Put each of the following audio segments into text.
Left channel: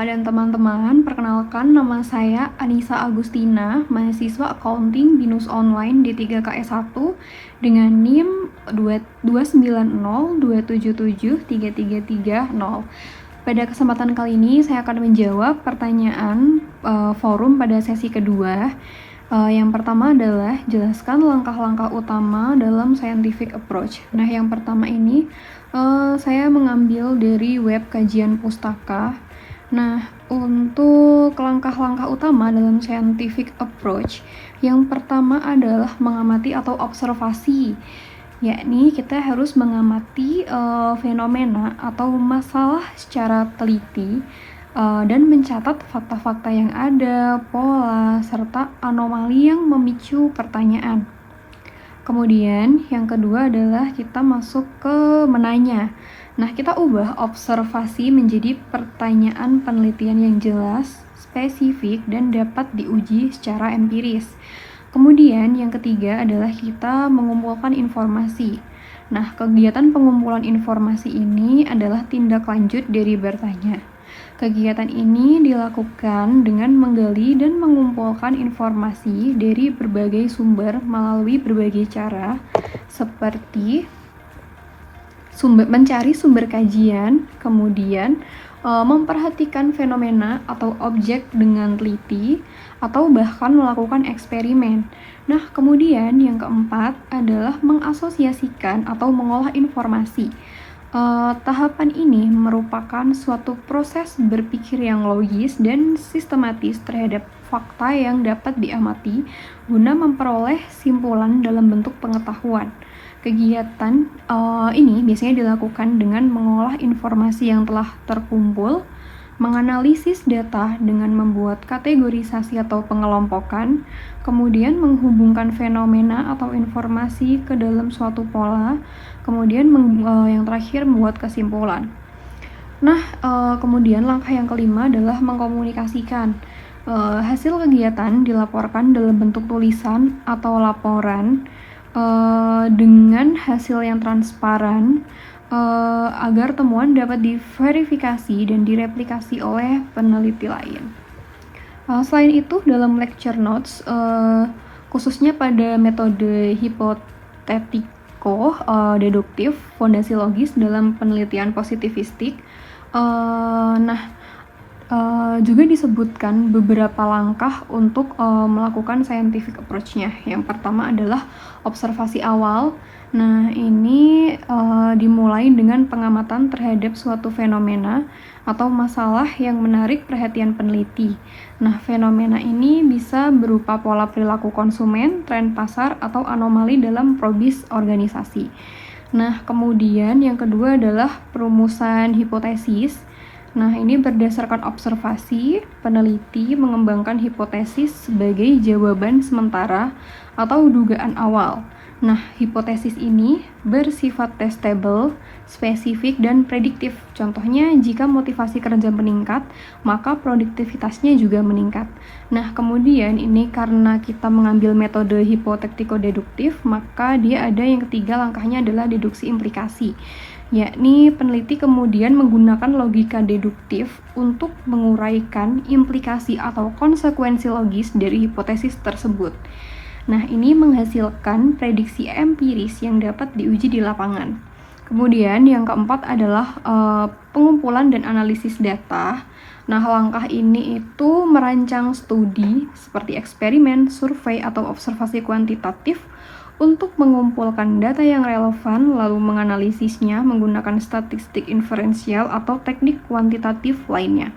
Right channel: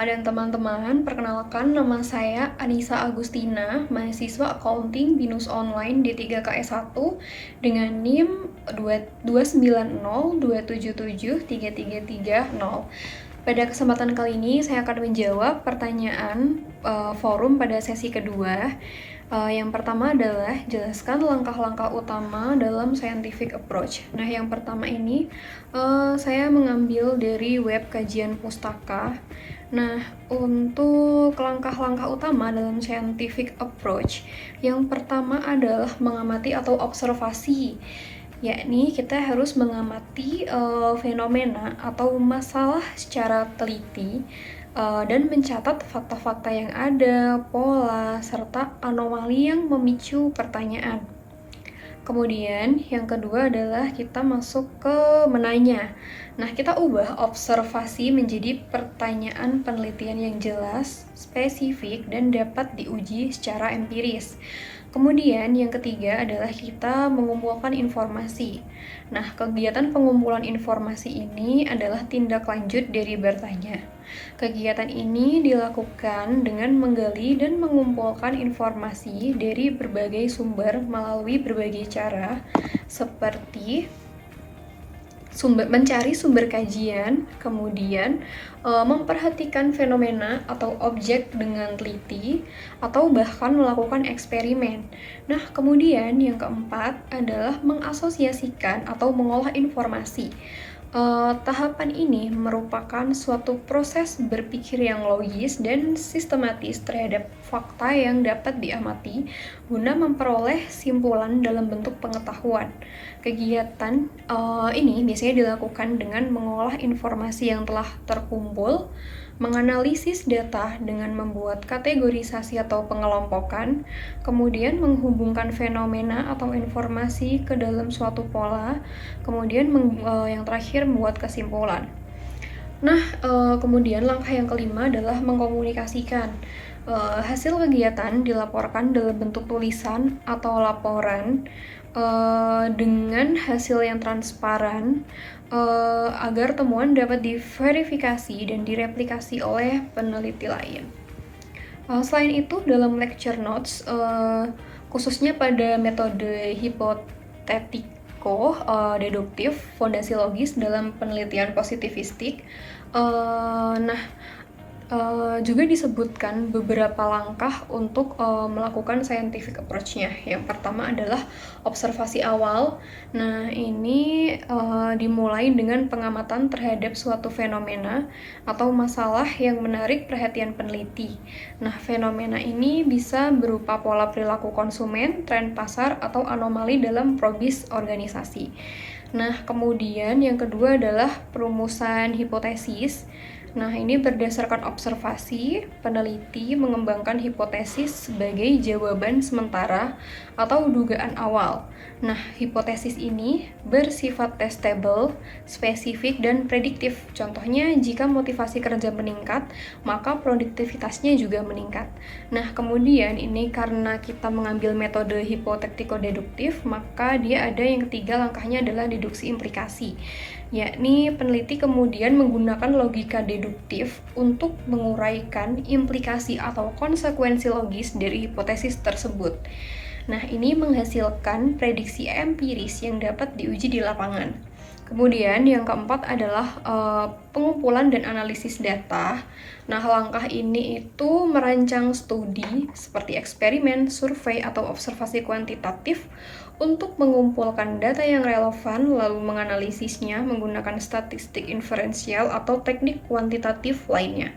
Kakak dan teman-teman, perkenalkan nama saya Anissa Agustina, mahasiswa Accounting BINUS Online D3KS1 dengan NIM 290277330. Pada kesempatan kali ini, saya akan menjawab pertanyaan forum pada sesi kedua. Yang pertama adalah jelaskan langkah-langkah utama dalam scientific approach. Nah, yang pertama ini saya mengambil dari web kajian pustaka. Nah, untuk langkah-langkah utama dalam scientific approach, yang pertama adalah mengamati atau observasi, yakni kita harus mengamati fenomena atau masalah secara teliti dan mencatat fakta-fakta yang ada, pola, serta anomali yang memicu pertanyaan. Kemudian yang kedua adalah kita masuk ke menanya. Nah, kita ubah observasi menjadi pertanyaan penelitian yang jelas, spesifik, dan dapat diuji secara empiris. Kemudian yang ketiga adalah kita mengumpulkan informasi. Nah, kegiatan pengumpulan informasi ini adalah tindak lanjut dari bertanya. Kegiatan ini dilakukan dengan menggali dan mengumpulkan informasi dari berbagai sumber melalui berbagai cara, seperti mencari sumber kajian, kemudian memperhatikan fenomena atau objek dengan teliti, atau bahkan melakukan eksperimen. Nah, kemudian yang keempat adalah mengasosiasikan atau mengolah informasi. Tahapan ini merupakan suatu proses berpikir yang logis dan sistematis terhadap fakta yang dapat diamati guna memperoleh simpulan dalam bentuk pengetahuan. Kegiatan ini biasanya dilakukan dengan mengolah informasi yang telah terkumpul, menganalisis data dengan membuat kategorisasi atau pengelompokan, kemudian menghubungkan fenomena atau informasi ke dalam suatu pola, kemudian yang terakhir membuat kesimpulan. Nah, kemudian langkah yang kelima adalah mengkomunikasikan. Hasil kegiatan dilaporkan dalam bentuk tulisan atau laporan dengan hasil yang transparan agar temuan dapat diverifikasi dan direplikasi oleh peneliti lain. Selain itu, dalam lecture notes, khususnya pada metode hipotetiko-deduktif fondasi logis dalam penelitian positivistik, juga disebutkan beberapa langkah untuk melakukan scientific approach-nya. Yang pertama adalah observasi awal. Nah, ini dimulai dengan pengamatan terhadap suatu fenomena atau masalah yang menarik perhatian peneliti. Nah, fenomena ini bisa berupa pola perilaku konsumen, tren pasar, atau anomali dalam probis organisasi. Nah, kemudian yang kedua adalah perumusan hipotesis. Nah, ini berdasarkan observasi, peneliti mengembangkan hipotesis sebagai jawaban sementara atau dugaan awal. Nah, hipotesis ini bersifat testable, spesifik, dan prediktif. Contohnya, jika motivasi kerja meningkat, maka produktivitasnya juga meningkat. Nah, kemudian ini karena kita mengambil metode hipotetiko-deduktif, maka dia ada yang ketiga langkahnya adalah deduksi implikasi. Yakni peneliti kemudian menggunakan logika deduktif untuk menguraikan implikasi atau konsekuensi logis dari hipotesis tersebut. Nah, ini menghasilkan prediksi empiris yang dapat diuji di lapangan. Kemudian yang keempat adalah pengumpulan dan analisis data. Nah, langkah ini itu merancang studi seperti eksperimen, survei, atau observasi kuantitatif untuk mengumpulkan data yang relevan lalu menganalisisnya menggunakan statistik inferensial atau teknik kuantitatif lainnya.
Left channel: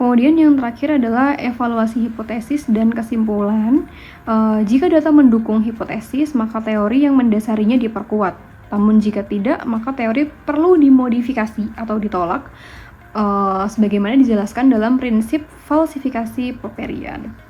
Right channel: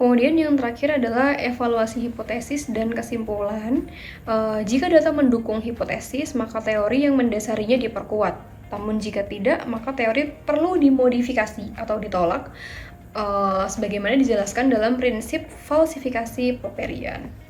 Kemudian yang terakhir adalah evaluasi hipotesis dan kesimpulan. Jika data mendukung hipotesis, maka teori yang mendasarinya diperkuat. Namun jika tidak, maka teori perlu dimodifikasi atau ditolak, sebagaimana dijelaskan dalam prinsip falsifikasi Popperian.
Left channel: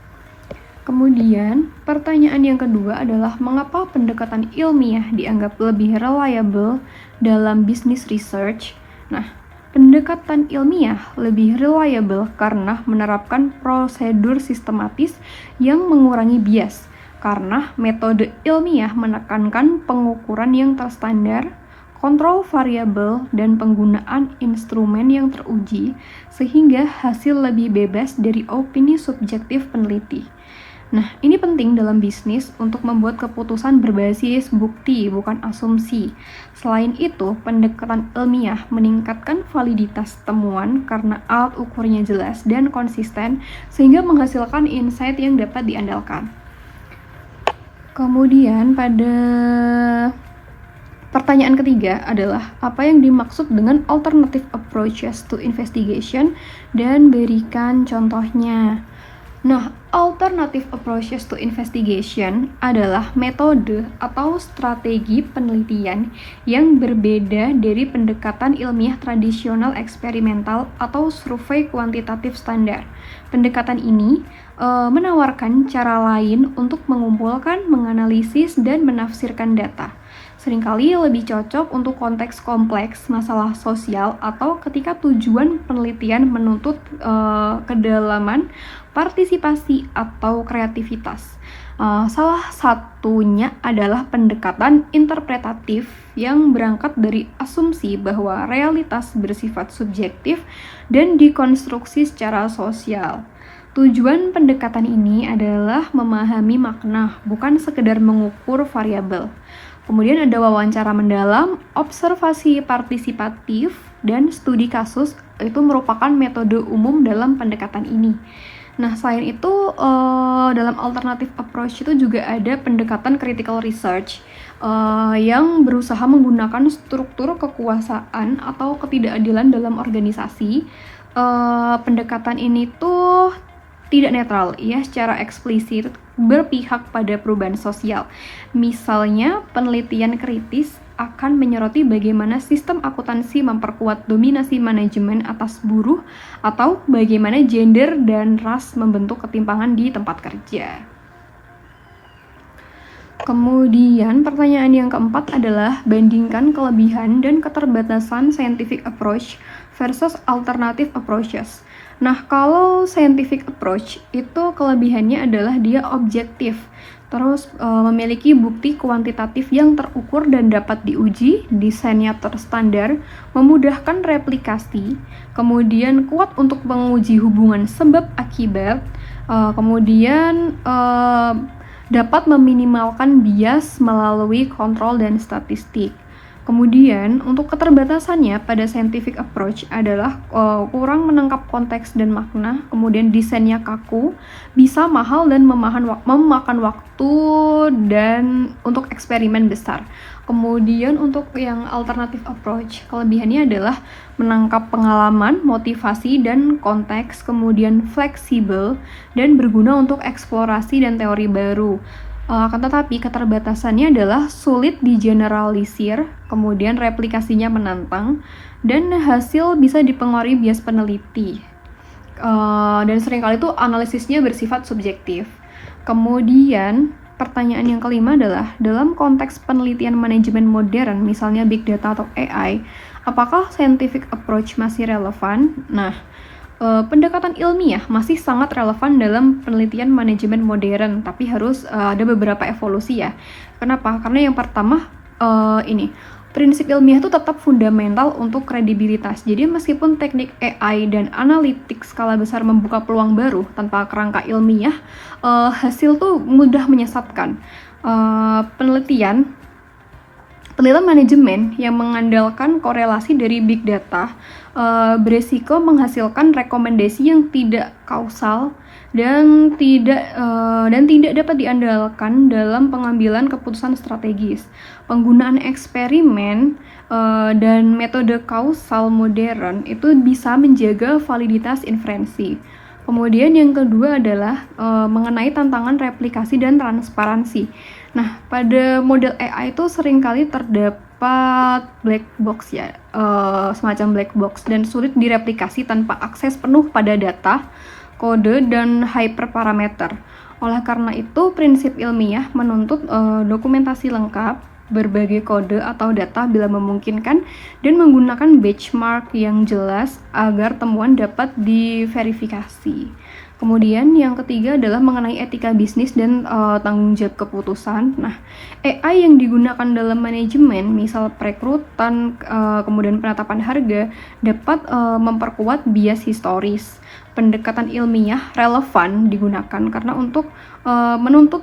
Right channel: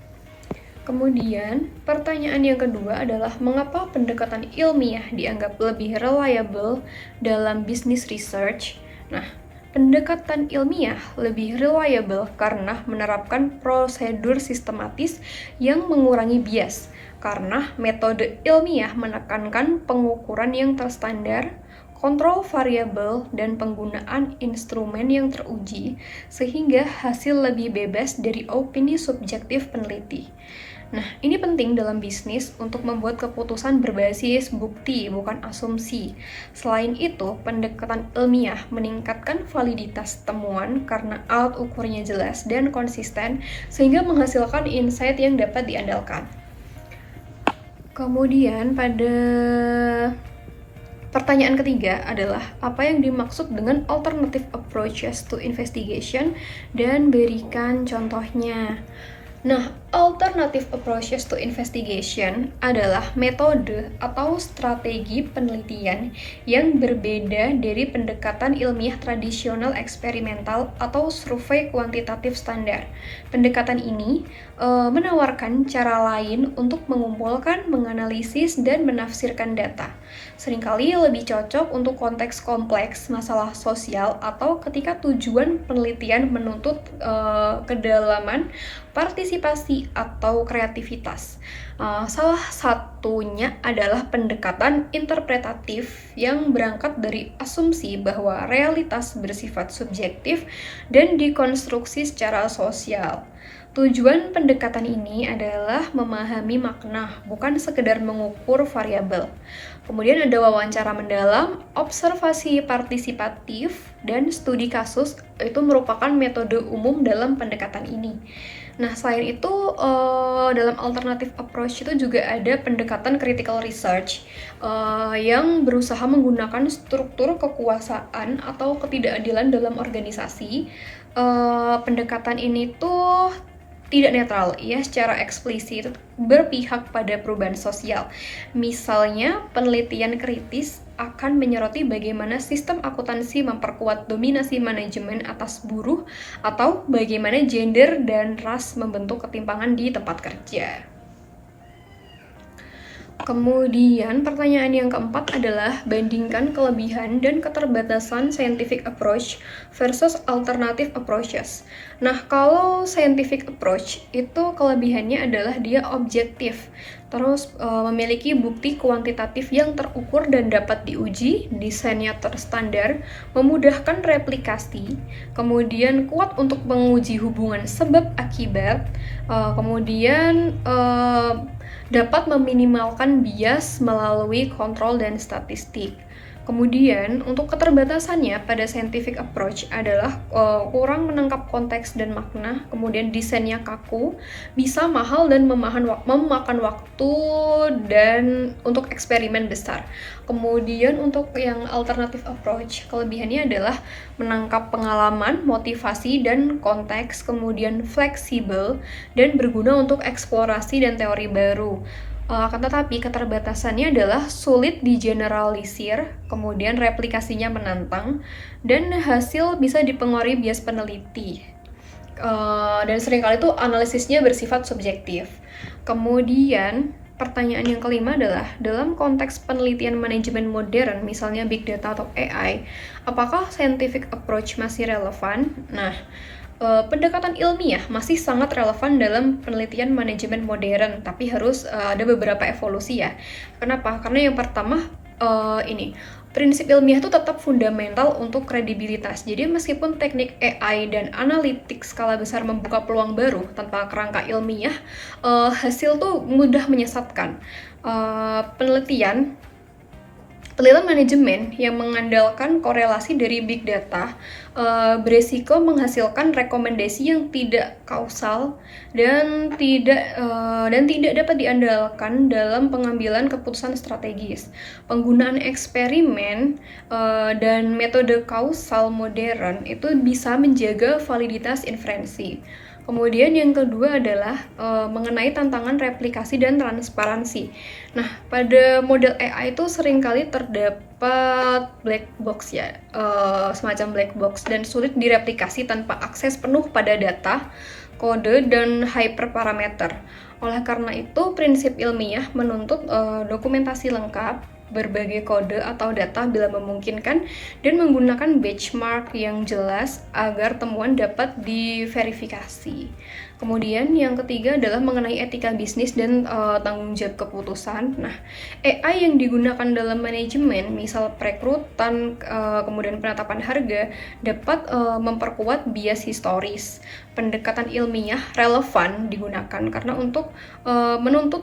Kemudian, pertanyaan yang kedua adalah mengapa pendekatan ilmiah dianggap lebih reliable dalam business research? Nah, pendekatan ilmiah lebih reliable karena menerapkan prosedur sistematis yang mengurangi bias, karena metode ilmiah menekankan pengukuran yang terstandar, kontrol variabel, dan penggunaan instrumen yang teruji sehingga hasil lebih bebas dari opini subjektif peneliti. Nah, ini penting dalam bisnis untuk membuat keputusan berbasis bukti, bukan asumsi. Selain itu, pendekatan ilmiah meningkatkan validitas temuan karena alat ukurnya jelas dan konsisten, sehingga menghasilkan insight yang dapat diandalkan. Kemudian, pada pertanyaan ketiga adalah apa yang dimaksud dengan alternative approaches to investigation, dan berikan contohnya. Nah, alternative approaches to investigation adalah metode atau strategi penelitian yang berbeda dari pendekatan ilmiah tradisional eksperimental atau survei kuantitatif standar. Pendekatan ini menawarkan cara lain untuk mengumpulkan, menganalisis, dan menafsirkan data. Seringkali lebih cocok untuk konteks kompleks, masalah sosial, atau ketika tujuan penelitian menuntut kedalaman, partisipasi, atau kreativitas. Salah satunya adalah pendekatan interpretatif yang berangkat dari asumsi bahwa realitas bersifat subjektif dan dikonstruksi secara sosial. Tujuan pendekatan ini adalah memahami makna, bukan sekedar mengukur variabel. Kemudian ada wawancara mendalam, observasi partisipatif, dan studi kasus. Itu merupakan metode umum dalam pendekatan ini. Nah, selain itu, dalam alternative approach itu juga ada pendekatan critical research yang berusaha menggunakan struktur kekuasaan atau ketidakadilan dalam organisasi. Pendekatan ini tuh tidak netral, ia secara eksplisit berpihak pada perubahan sosial. Misalnya, penelitian kritis akan menyoroti bagaimana sistem akuntansi memperkuat dominasi manajemen atas buruh, atau bagaimana gender dan ras membentuk ketimpangan di tempat kerja. Kemudian pertanyaan yang keempat adalah bandingkan kelebihan dan keterbatasan scientific approach versus alternative approaches. Nah, kalau scientific approach itu kelebihannya adalah dia objektif, terus memiliki bukti kuantitatif yang terukur dan dapat diuji, desainnya terstandar, memudahkan replikasi, kemudian kuat untuk menguji hubungan sebab akibat, kemudian dapat meminimalkan bias melalui kontrol dan statistik. Kemudian, untuk keterbatasannya pada scientific approach adalah kurang menangkap konteks dan makna, kemudian desainnya kaku, bisa mahal dan memakan waktu dan untuk eksperimen besar. Kemudian untuk yang alternative approach, kelebihannya adalah menangkap pengalaman, motivasi, dan konteks, kemudian fleksibel dan berguna untuk eksplorasi dan teori baru. Akan tetapi keterbatasannya adalah sulit digeneralisir, kemudian replikasinya menantang, dan hasil bisa dipengaruhi bias peneliti. Dan seringkali itu analisisnya bersifat subjektif. Kemudian pertanyaan yang kelima adalah, dalam konteks penelitian manajemen modern, misalnya big data atau AI, apakah scientific approach masih relevan? Nah, pendekatan ilmiah masih sangat relevan dalam penelitian manajemen modern, tapi harus ada beberapa evolusi ya. Kenapa? Karena yang pertama, prinsip ilmiah itu tetap fundamental untuk kredibilitas. Jadi meskipun teknik AI dan analitik skala besar membuka peluang baru tanpa kerangka ilmiah, hasil tuh mudah menyesatkan. Penelitian manajemen yang mengandalkan korelasi dari big data beresiko menghasilkan rekomendasi yang tidak kausal dan tidak dapat diandalkan dalam pengambilan keputusan strategis. Penggunaan eksperimen dan metode kausal modern itu bisa menjaga validitas inferensi. Kemudian yang kedua adalah mengenai tantangan replikasi dan transparansi. Nah, pada model AI itu seringkali terdapat black box ya, semacam black box, dan sulit direplikasi tanpa akses penuh pada data, kode, dan hyperparameter. Oleh karena itu, prinsip ilmiah menuntut dokumentasi lengkap, berbagai kode atau data bila memungkinkan, dan menggunakan benchmark yang jelas agar temuan dapat diverifikasi. Kemudian yang ketiga adalah mengenai etika bisnis dan tanggung jawab keputusan. Nah, AI yang digunakan dalam manajemen, misal perekrutan, kemudian penetapan harga, dapat memperkuat bias historis. Pendekatan ilmiah relevan digunakan karena untuk menuntut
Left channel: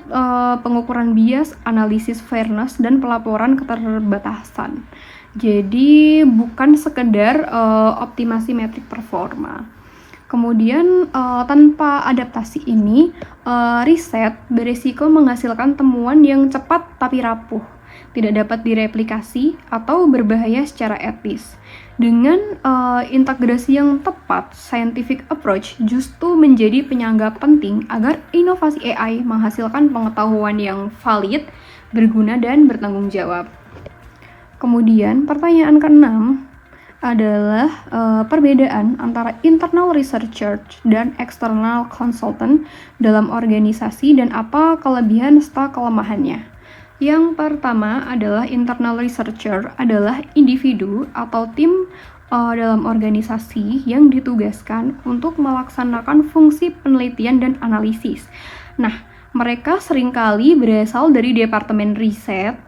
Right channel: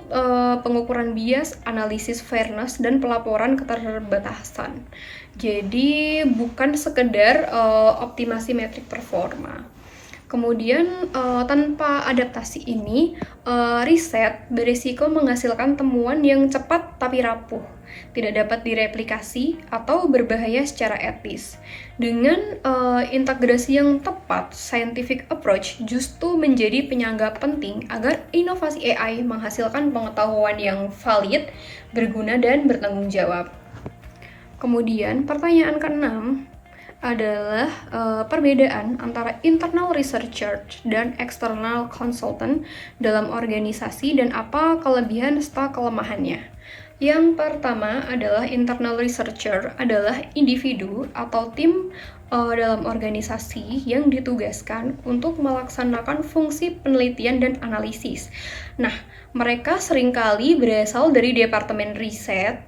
pengukuran bias, analisis fairness, dan pelaporan keterbatasan. Jadi bukan sekedar optimasi metrik performa. Kemudian tanpa adaptasi ini, riset berisiko menghasilkan temuan yang cepat tapi rapuh, tidak dapat direplikasi atau berbahaya secara etis. Dengan integrasi yang tepat, scientific approach justru menjadi penyangga penting agar inovasi AI menghasilkan pengetahuan yang valid, berguna, dan bertanggung jawab. Kemudian pertanyaan keenam adalah perbedaan antara internal researcher dan external consultant dalam organisasi dan apa kelebihan serta kelemahannya. Yang pertama adalah internal researcher adalah individu atau tim dalam organisasi yang ditugaskan untuk melaksanakan fungsi penelitian dan analisis. Nah, mereka seringkali berasal dari departemen riset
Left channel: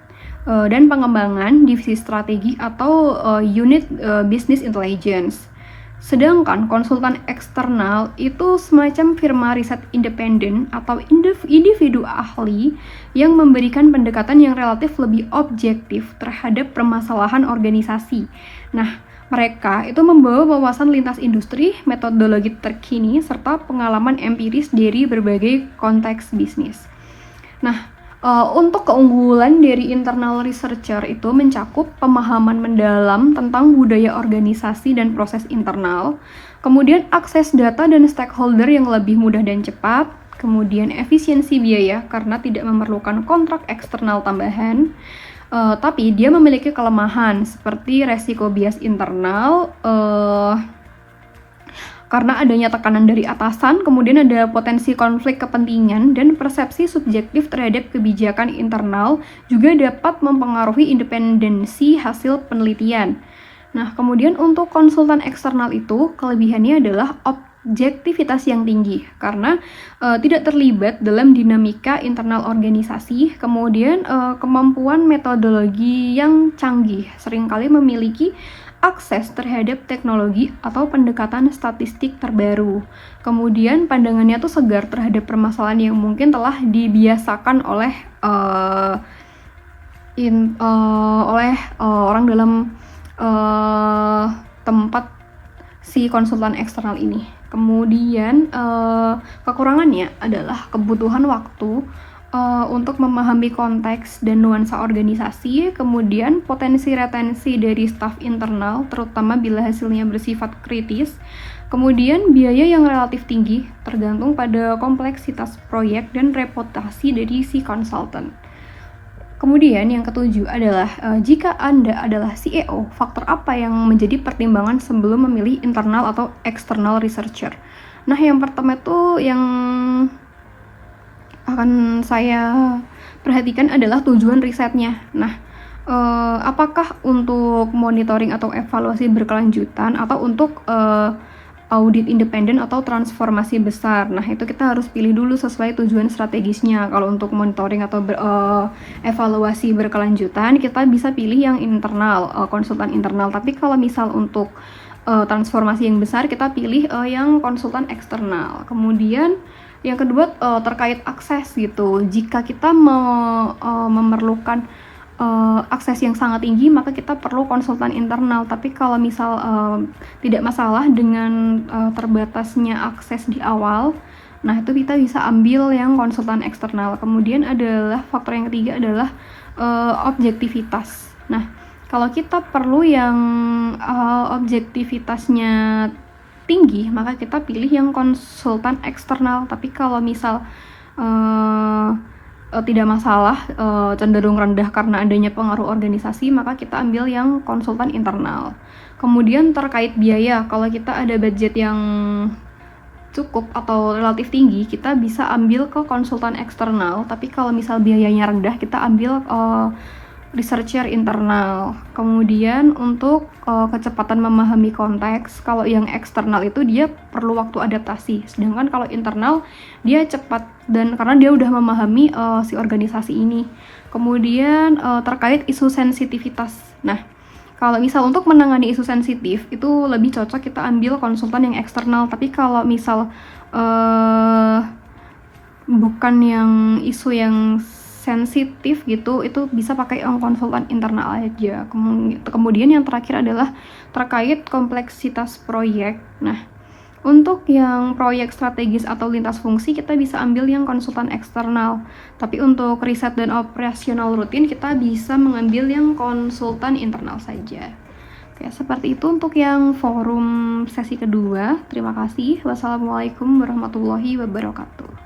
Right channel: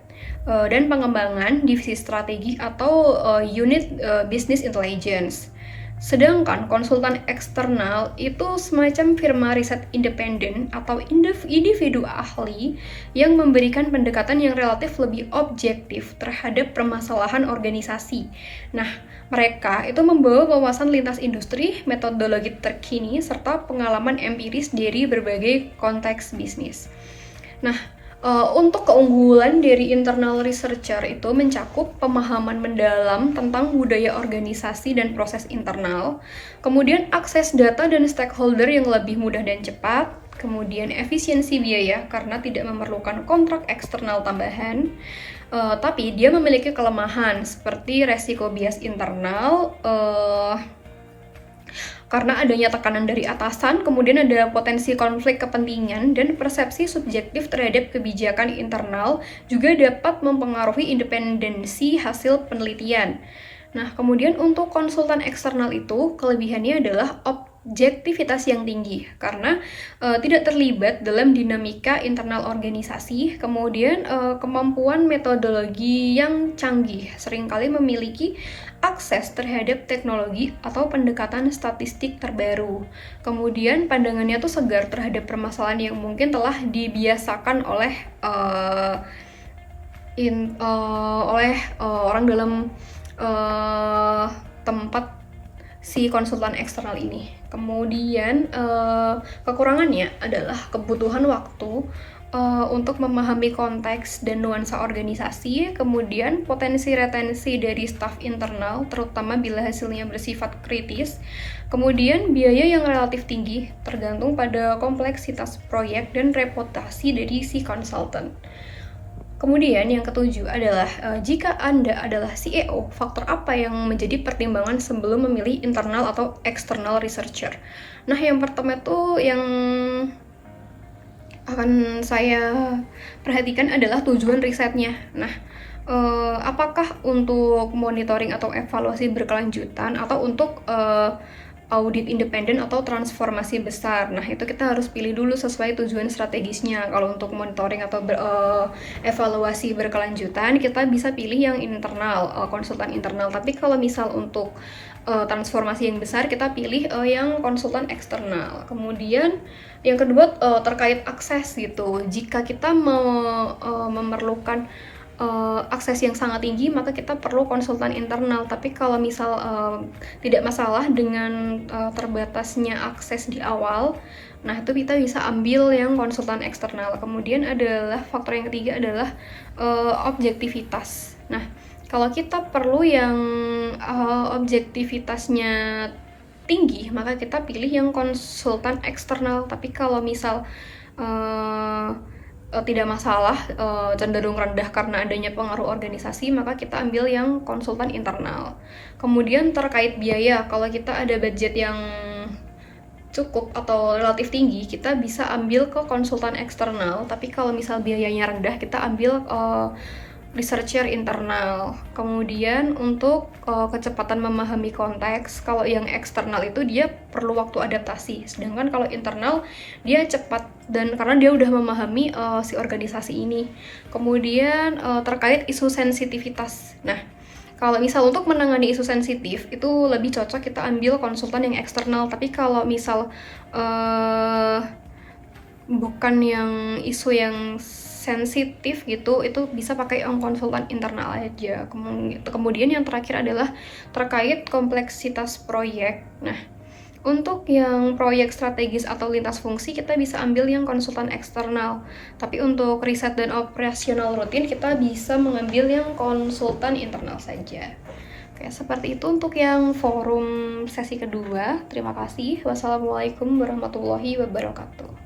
dan pengembangan, divisi strategi atau unit business intelligence. Sedangkan konsultan eksternal itu semacam firma riset independen atau individu ahli yang memberikan pendekatan yang relatif lebih objektif terhadap permasalahan organisasi. Nah, mereka itu membawa wawasan lintas industri, metodologi terkini, serta pengalaman empiris dari berbagai konteks bisnis. Nah, untuk keunggulan dari internal researcher itu mencakup pemahaman mendalam tentang budaya organisasi dan proses internal, kemudian akses data dan stakeholder yang lebih mudah dan cepat, kemudian efisiensi biaya karena tidak memerlukan kontrak eksternal tambahan, tapi dia memiliki kelemahan seperti resiko bias internal, karena adanya tekanan dari atasan, kemudian ada potensi konflik kepentingan dan persepsi subjektif terhadap kebijakan internal juga dapat mempengaruhi independensi hasil penelitian. Nah, kemudian untuk konsultan eksternal itu kelebihannya adalah objektivitas yang tinggi karena tidak terlibat dalam dinamika internal organisasi, kemudian kemampuan metodologi yang canggih, seringkali memiliki akses terhadap teknologi atau pendekatan statistik terbaru. Kemudian pandangannya tuh segar terhadap permasalahan yang mungkin telah dibiasakan oleh orang dalam tempat si konsultan eksternal ini. Kemudian kekurangannya adalah kebutuhan waktu untuk memahami konteks dan nuansa organisasi, kemudian potensi retensi dari staf internal, terutama bila hasilnya bersifat kritis, kemudian biaya yang relatif tinggi, tergantung pada kompleksitas proyek dan reputasi dari si konsultan. Kemudian yang ketujuh adalah jika Anda adalah CEO, faktor apa yang menjadi pertimbangan sebelum memilih internal atau external researcher? Nah, yang pertama itu yang akan saya perhatikan adalah tujuan risetnya. Nah, apakah untuk monitoring atau evaluasi berkelanjutan atau untuk audit independen atau transformasi besar. Nah, itu kita harus pilih dulu sesuai tujuan strategisnya. Kalau untuk monitoring atau evaluasi berkelanjutan, kita bisa pilih yang internal, konsultan internal. Tapi kalau misal untuk transformasi yang besar, kita pilih yang konsultan eksternal. Kemudian yang kedua terkait akses gitu. Jika kita memerlukan akses yang sangat tinggi, maka kita perlu konsultan internal. Tapi kalau misal tidak masalah dengan terbatasnya akses di awal, nah itu kita bisa ambil yang konsultan eksternal. Kemudian adalah faktor yang ketiga adalah objektivitas. Nah, kalau kita perlu yang objektivitasnya tinggi, maka kita pilih yang konsultan eksternal. Tapi kalau misal tidak masalah, cenderung rendah karena adanya pengaruh organisasi, maka kita ambil yang konsultan internal. Kemudian terkait biaya, kalau kita ada budget yang cukup atau relatif tinggi, kita bisa ambil ke konsultan eksternal. Tapi kalau misal biayanya rendah, kita ambil researcher internal. Kemudian untuk kecepatan memahami konteks, kalau yang eksternal itu dia perlu waktu adaptasi. Sedangkan kalau internal dia cepat dan karena dia udah memahami si organisasi ini. Kemudian terkait isu sensitivitas. Nah, kalau misal untuk menangani isu sensitif itu lebih cocok kita ambil konsultan yang eksternal. Tapi kalau misal bukan yang isu yang sensitif gitu, itu bisa pakai konsultan internal aja. Kemudian yang terakhir adalah terkait kompleksitas proyek. Nah, untuk yang proyek strategis atau lintas fungsi kita bisa ambil yang konsultan eksternal. Tapi untuk riset dan operasional rutin kita bisa mengambil yang konsultan internal saja. Oke, seperti itu untuk yang forum sesi kedua. Terima kasih. Wassalamualaikum warahmatullahi wabarakatuh.